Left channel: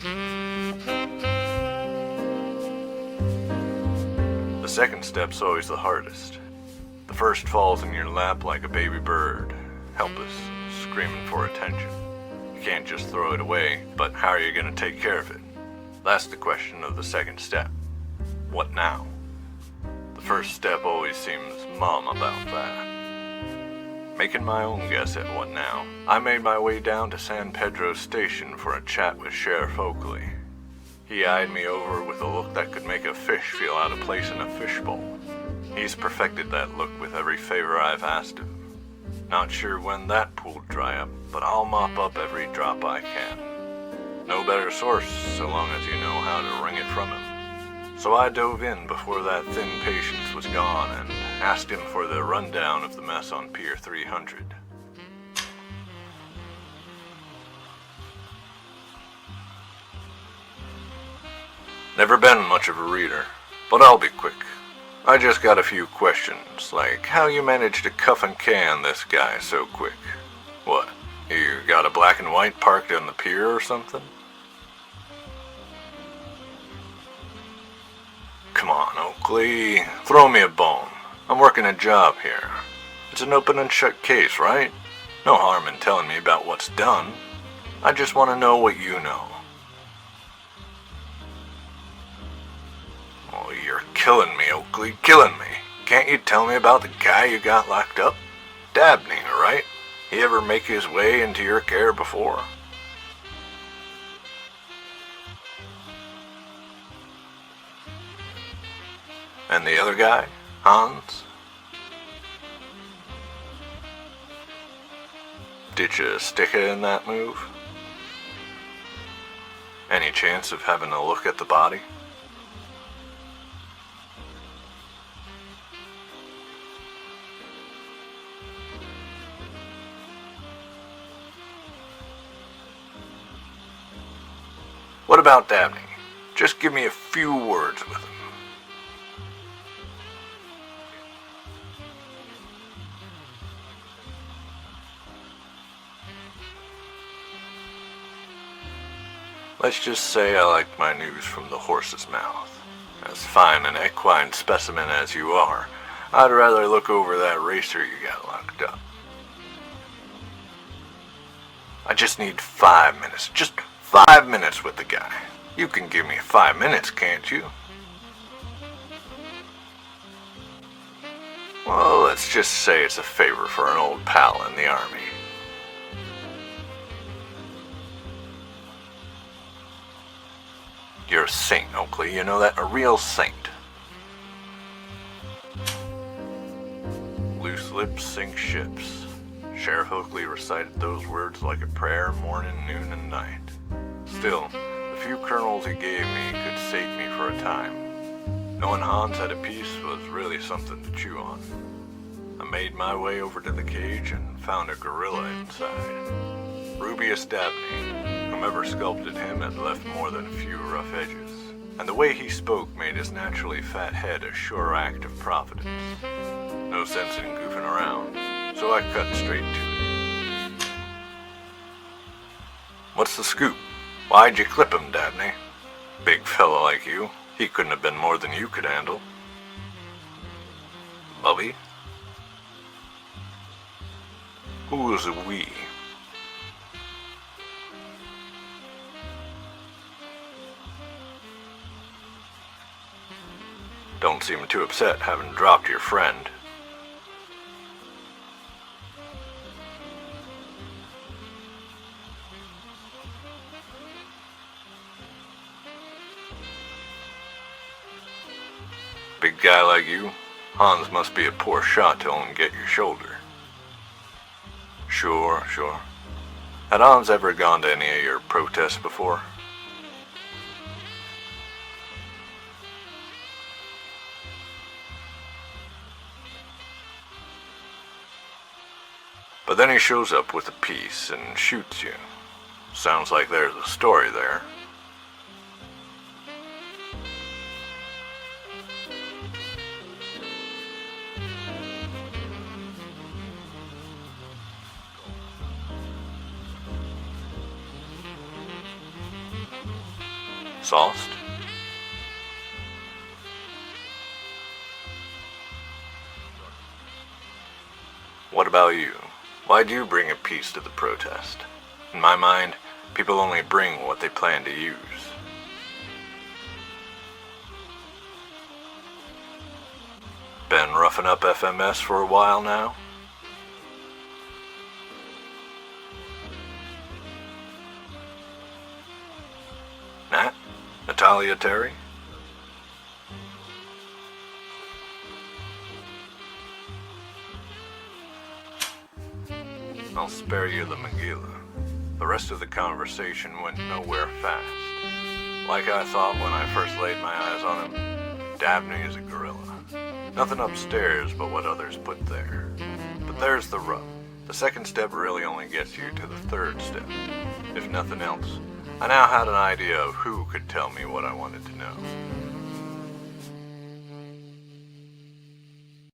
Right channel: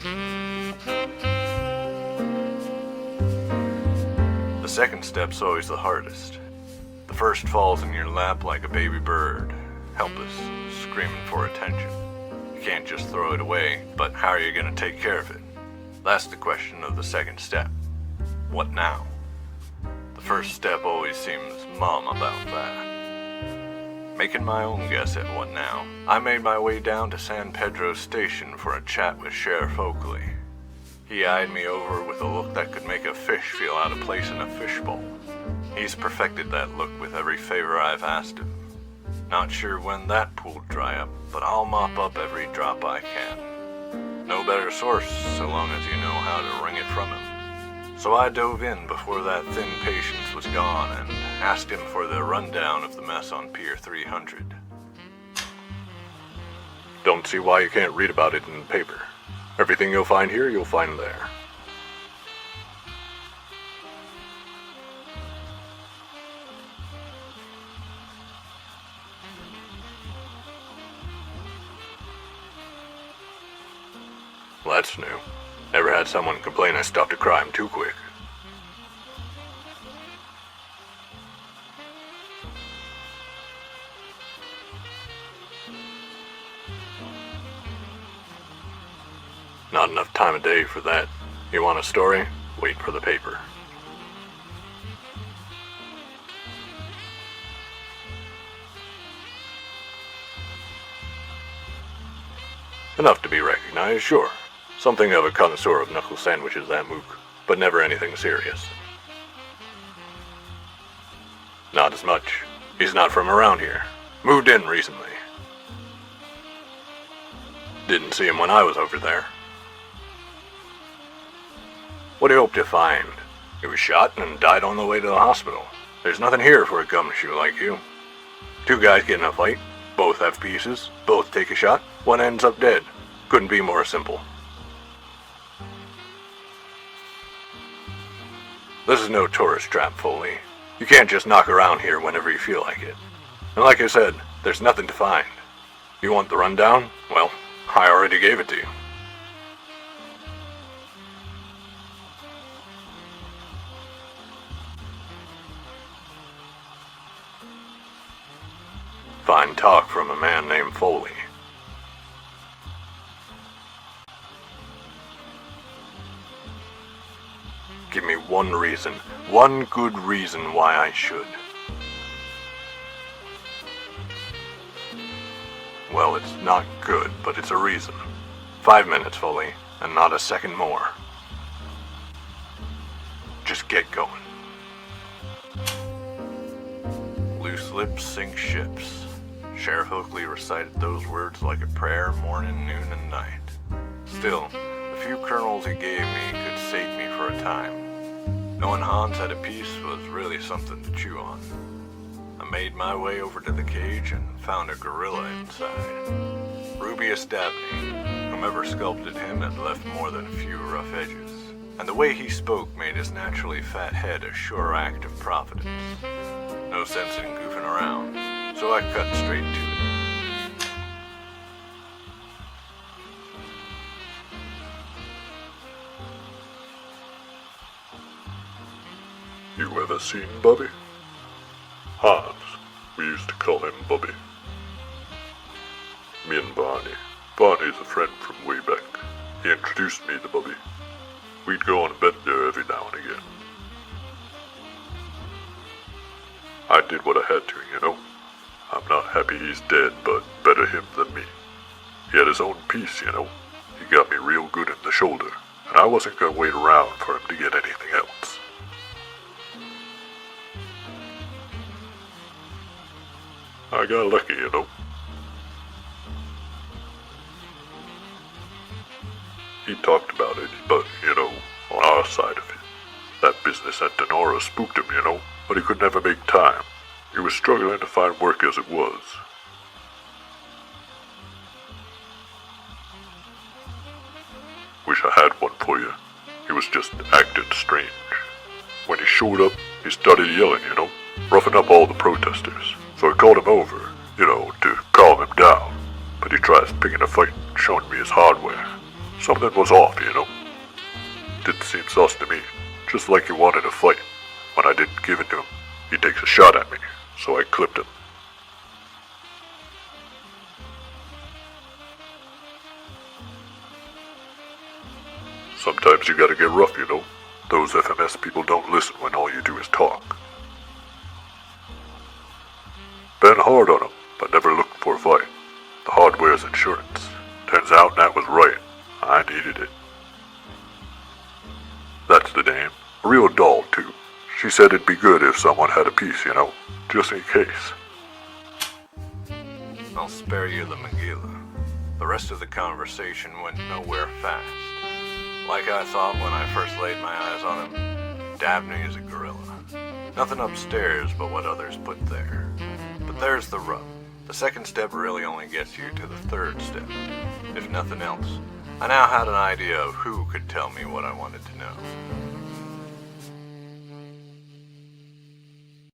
The second step's always the hardest. The first falls in your lap like a baby bird, helpless, screaming for attention. You can't just throw it away, but how are you going to take care of it? That's the question of the second step. What now? The first step always seems mum about that. Making my own guess at what now, I made my way down to San Pedro Station for a chat with Sheriff Oakley. He eyed me over with a look that could make a fish feel out of place in a fishbowl. He's perfected that look with every favor I've asked him. Not sure when that pool'll dry up, but I'll mop up every drop I can. No better source so long as you know how to wring it from him. So I dove in before that thin patience was gone and asked him for the rundown of the mess on Pier 300. Don't see why you can't read about it in the paper. Everything you'll find here, you'll find there. Never been much of a reader, but I'll be quick. I just got a few questions, like how you managed to cuff and can this guy so quick. What, you got a black and white parked on the pier or something? Well, that's new. Never had someone complain I stopped a crime too quick. Come on, Oakley. Throw me a bone. I'm working a job here. It's an open and shut case, right? No harm in telling me about what's done. I just want to know what you know. Not enough time of day for that. You want a story? Wait for the paper. Oh, you're killing me, Oakley. Killing me. Can't you tell me about the guy you got locked up? Dabney, right? He ever make his way into your care before? Enough to be recognized, sure. Something of a connoisseur of knuckle sandwiches, that mook, but never anything serious. And the other guy? Hans? Not as much. He's not from around here. Moved in recently. Did you stick it in that move? Didn't see him when I was over there. Any chance of having a look at the body? What do you hope to find? He was shot and died on the way to the hospital. There's nothing here for a gumshoe like you. Two guys get in a fight. Both have pieces. Both take a shot. One ends up dead. Couldn't be more simple. What about Dabney? Just give me a few words with him. This is no tourist trap, Foley. You can't just knock around here whenever you feel like it. And like I said, there's nothing to find. You want the rundown? Well, I already gave it to you. Let's just say I like my news from the horse's mouth. As fine an equine specimen as you are, I'd rather look over that racer you got locked up. Fine talk from a man named Foley. I just need 5 minutes. Just 5 minutes with the guy. You can give me 5 minutes, can't you? Give me one reason. One good reason why I should. Well, let's just say it's a favor for an old pal in the army. Well, it's not good, but it's a reason. 5 minutes, Foley, and not a second more. You're a saint, Oakley. You know that? A real saint. Just get going. Loose lips sink ships. Sheriff Oakley recited those words like a prayer morning, noon, and night. Still, the few kernels he gave me could sate me for a time. Knowing Hans had a piece was really something to chew on. I made my way over to the cage and found a gorilla inside. Rubius Dabney. Whomever sculpted him had left more than a few rough edges, and the way he spoke made his naturally fat head a sure act of providence. No sense in goofing around, so I cut straight to it. What's the scoop? Why'd you clip him, Dabney? Big fella like you, he couldn't have been more than you could handle. You ever seen Bubby? Bubby? Hans. We used to call him Bubby. Who was a we? Me and Barney. Barney's a friend from way back. He introduced me to Bubby. We'd go on a bet there every now and again. Don't seem too upset having dropped your friend. I did what I had to, you know. I'm not happy he's dead, but better him than me. He had his own piece, you know. He got me real good in the shoulder, and I wasn't gonna wait around for him to get anything else. Big guy like you? Hans must be a poor shot to only get your shoulder. I got lucky, you know. Sure. Had Hans ever gone to any of your protests before? He talked about it, but, you know, on our side of it. That business at Denora spooked him, you know, but he could never make time. He was struggling to find work as it was. But then he shows up with a piece and shoots you. Sounds like there's a story there. Wish I had one for you. He was just acting strange. When he showed up, he started yelling, you know, roughing up all the protesters. So I called him over, you know, to calm him down. But he tries picking a fight and showing me his hardware. Something was off, you know. Sauced? Didn't seem sauce to me. Just like he wanted to fight. When I didn't give it to him, he takes a shot at me, so I clipped him. What about you? Why'd you bring a piece to the protest? In my mind, people only bring what they plan to use. Sometimes you gotta get rough, you know. Those FMS people don't listen when all you do is talk. Been roughing up FMS for a while now? Been hard on 'em, but never looking for a fight. The hardware's insurance. Turns out Nat was right. I needed it. Nat? Natalia Terry? That's the name. A real doll, too. She said it'd be good if someone had a piece, you know, just in case. I'll spare you the Megillah. The rest of the conversation went nowhere fast. Like I thought when I first laid my eyes on him, Dabney is a gorilla. Nothing upstairs but what others put there. But there's the rub. The second step really only gets you to the third step. If nothing else, I now had an idea of who could tell me what I wanted to know.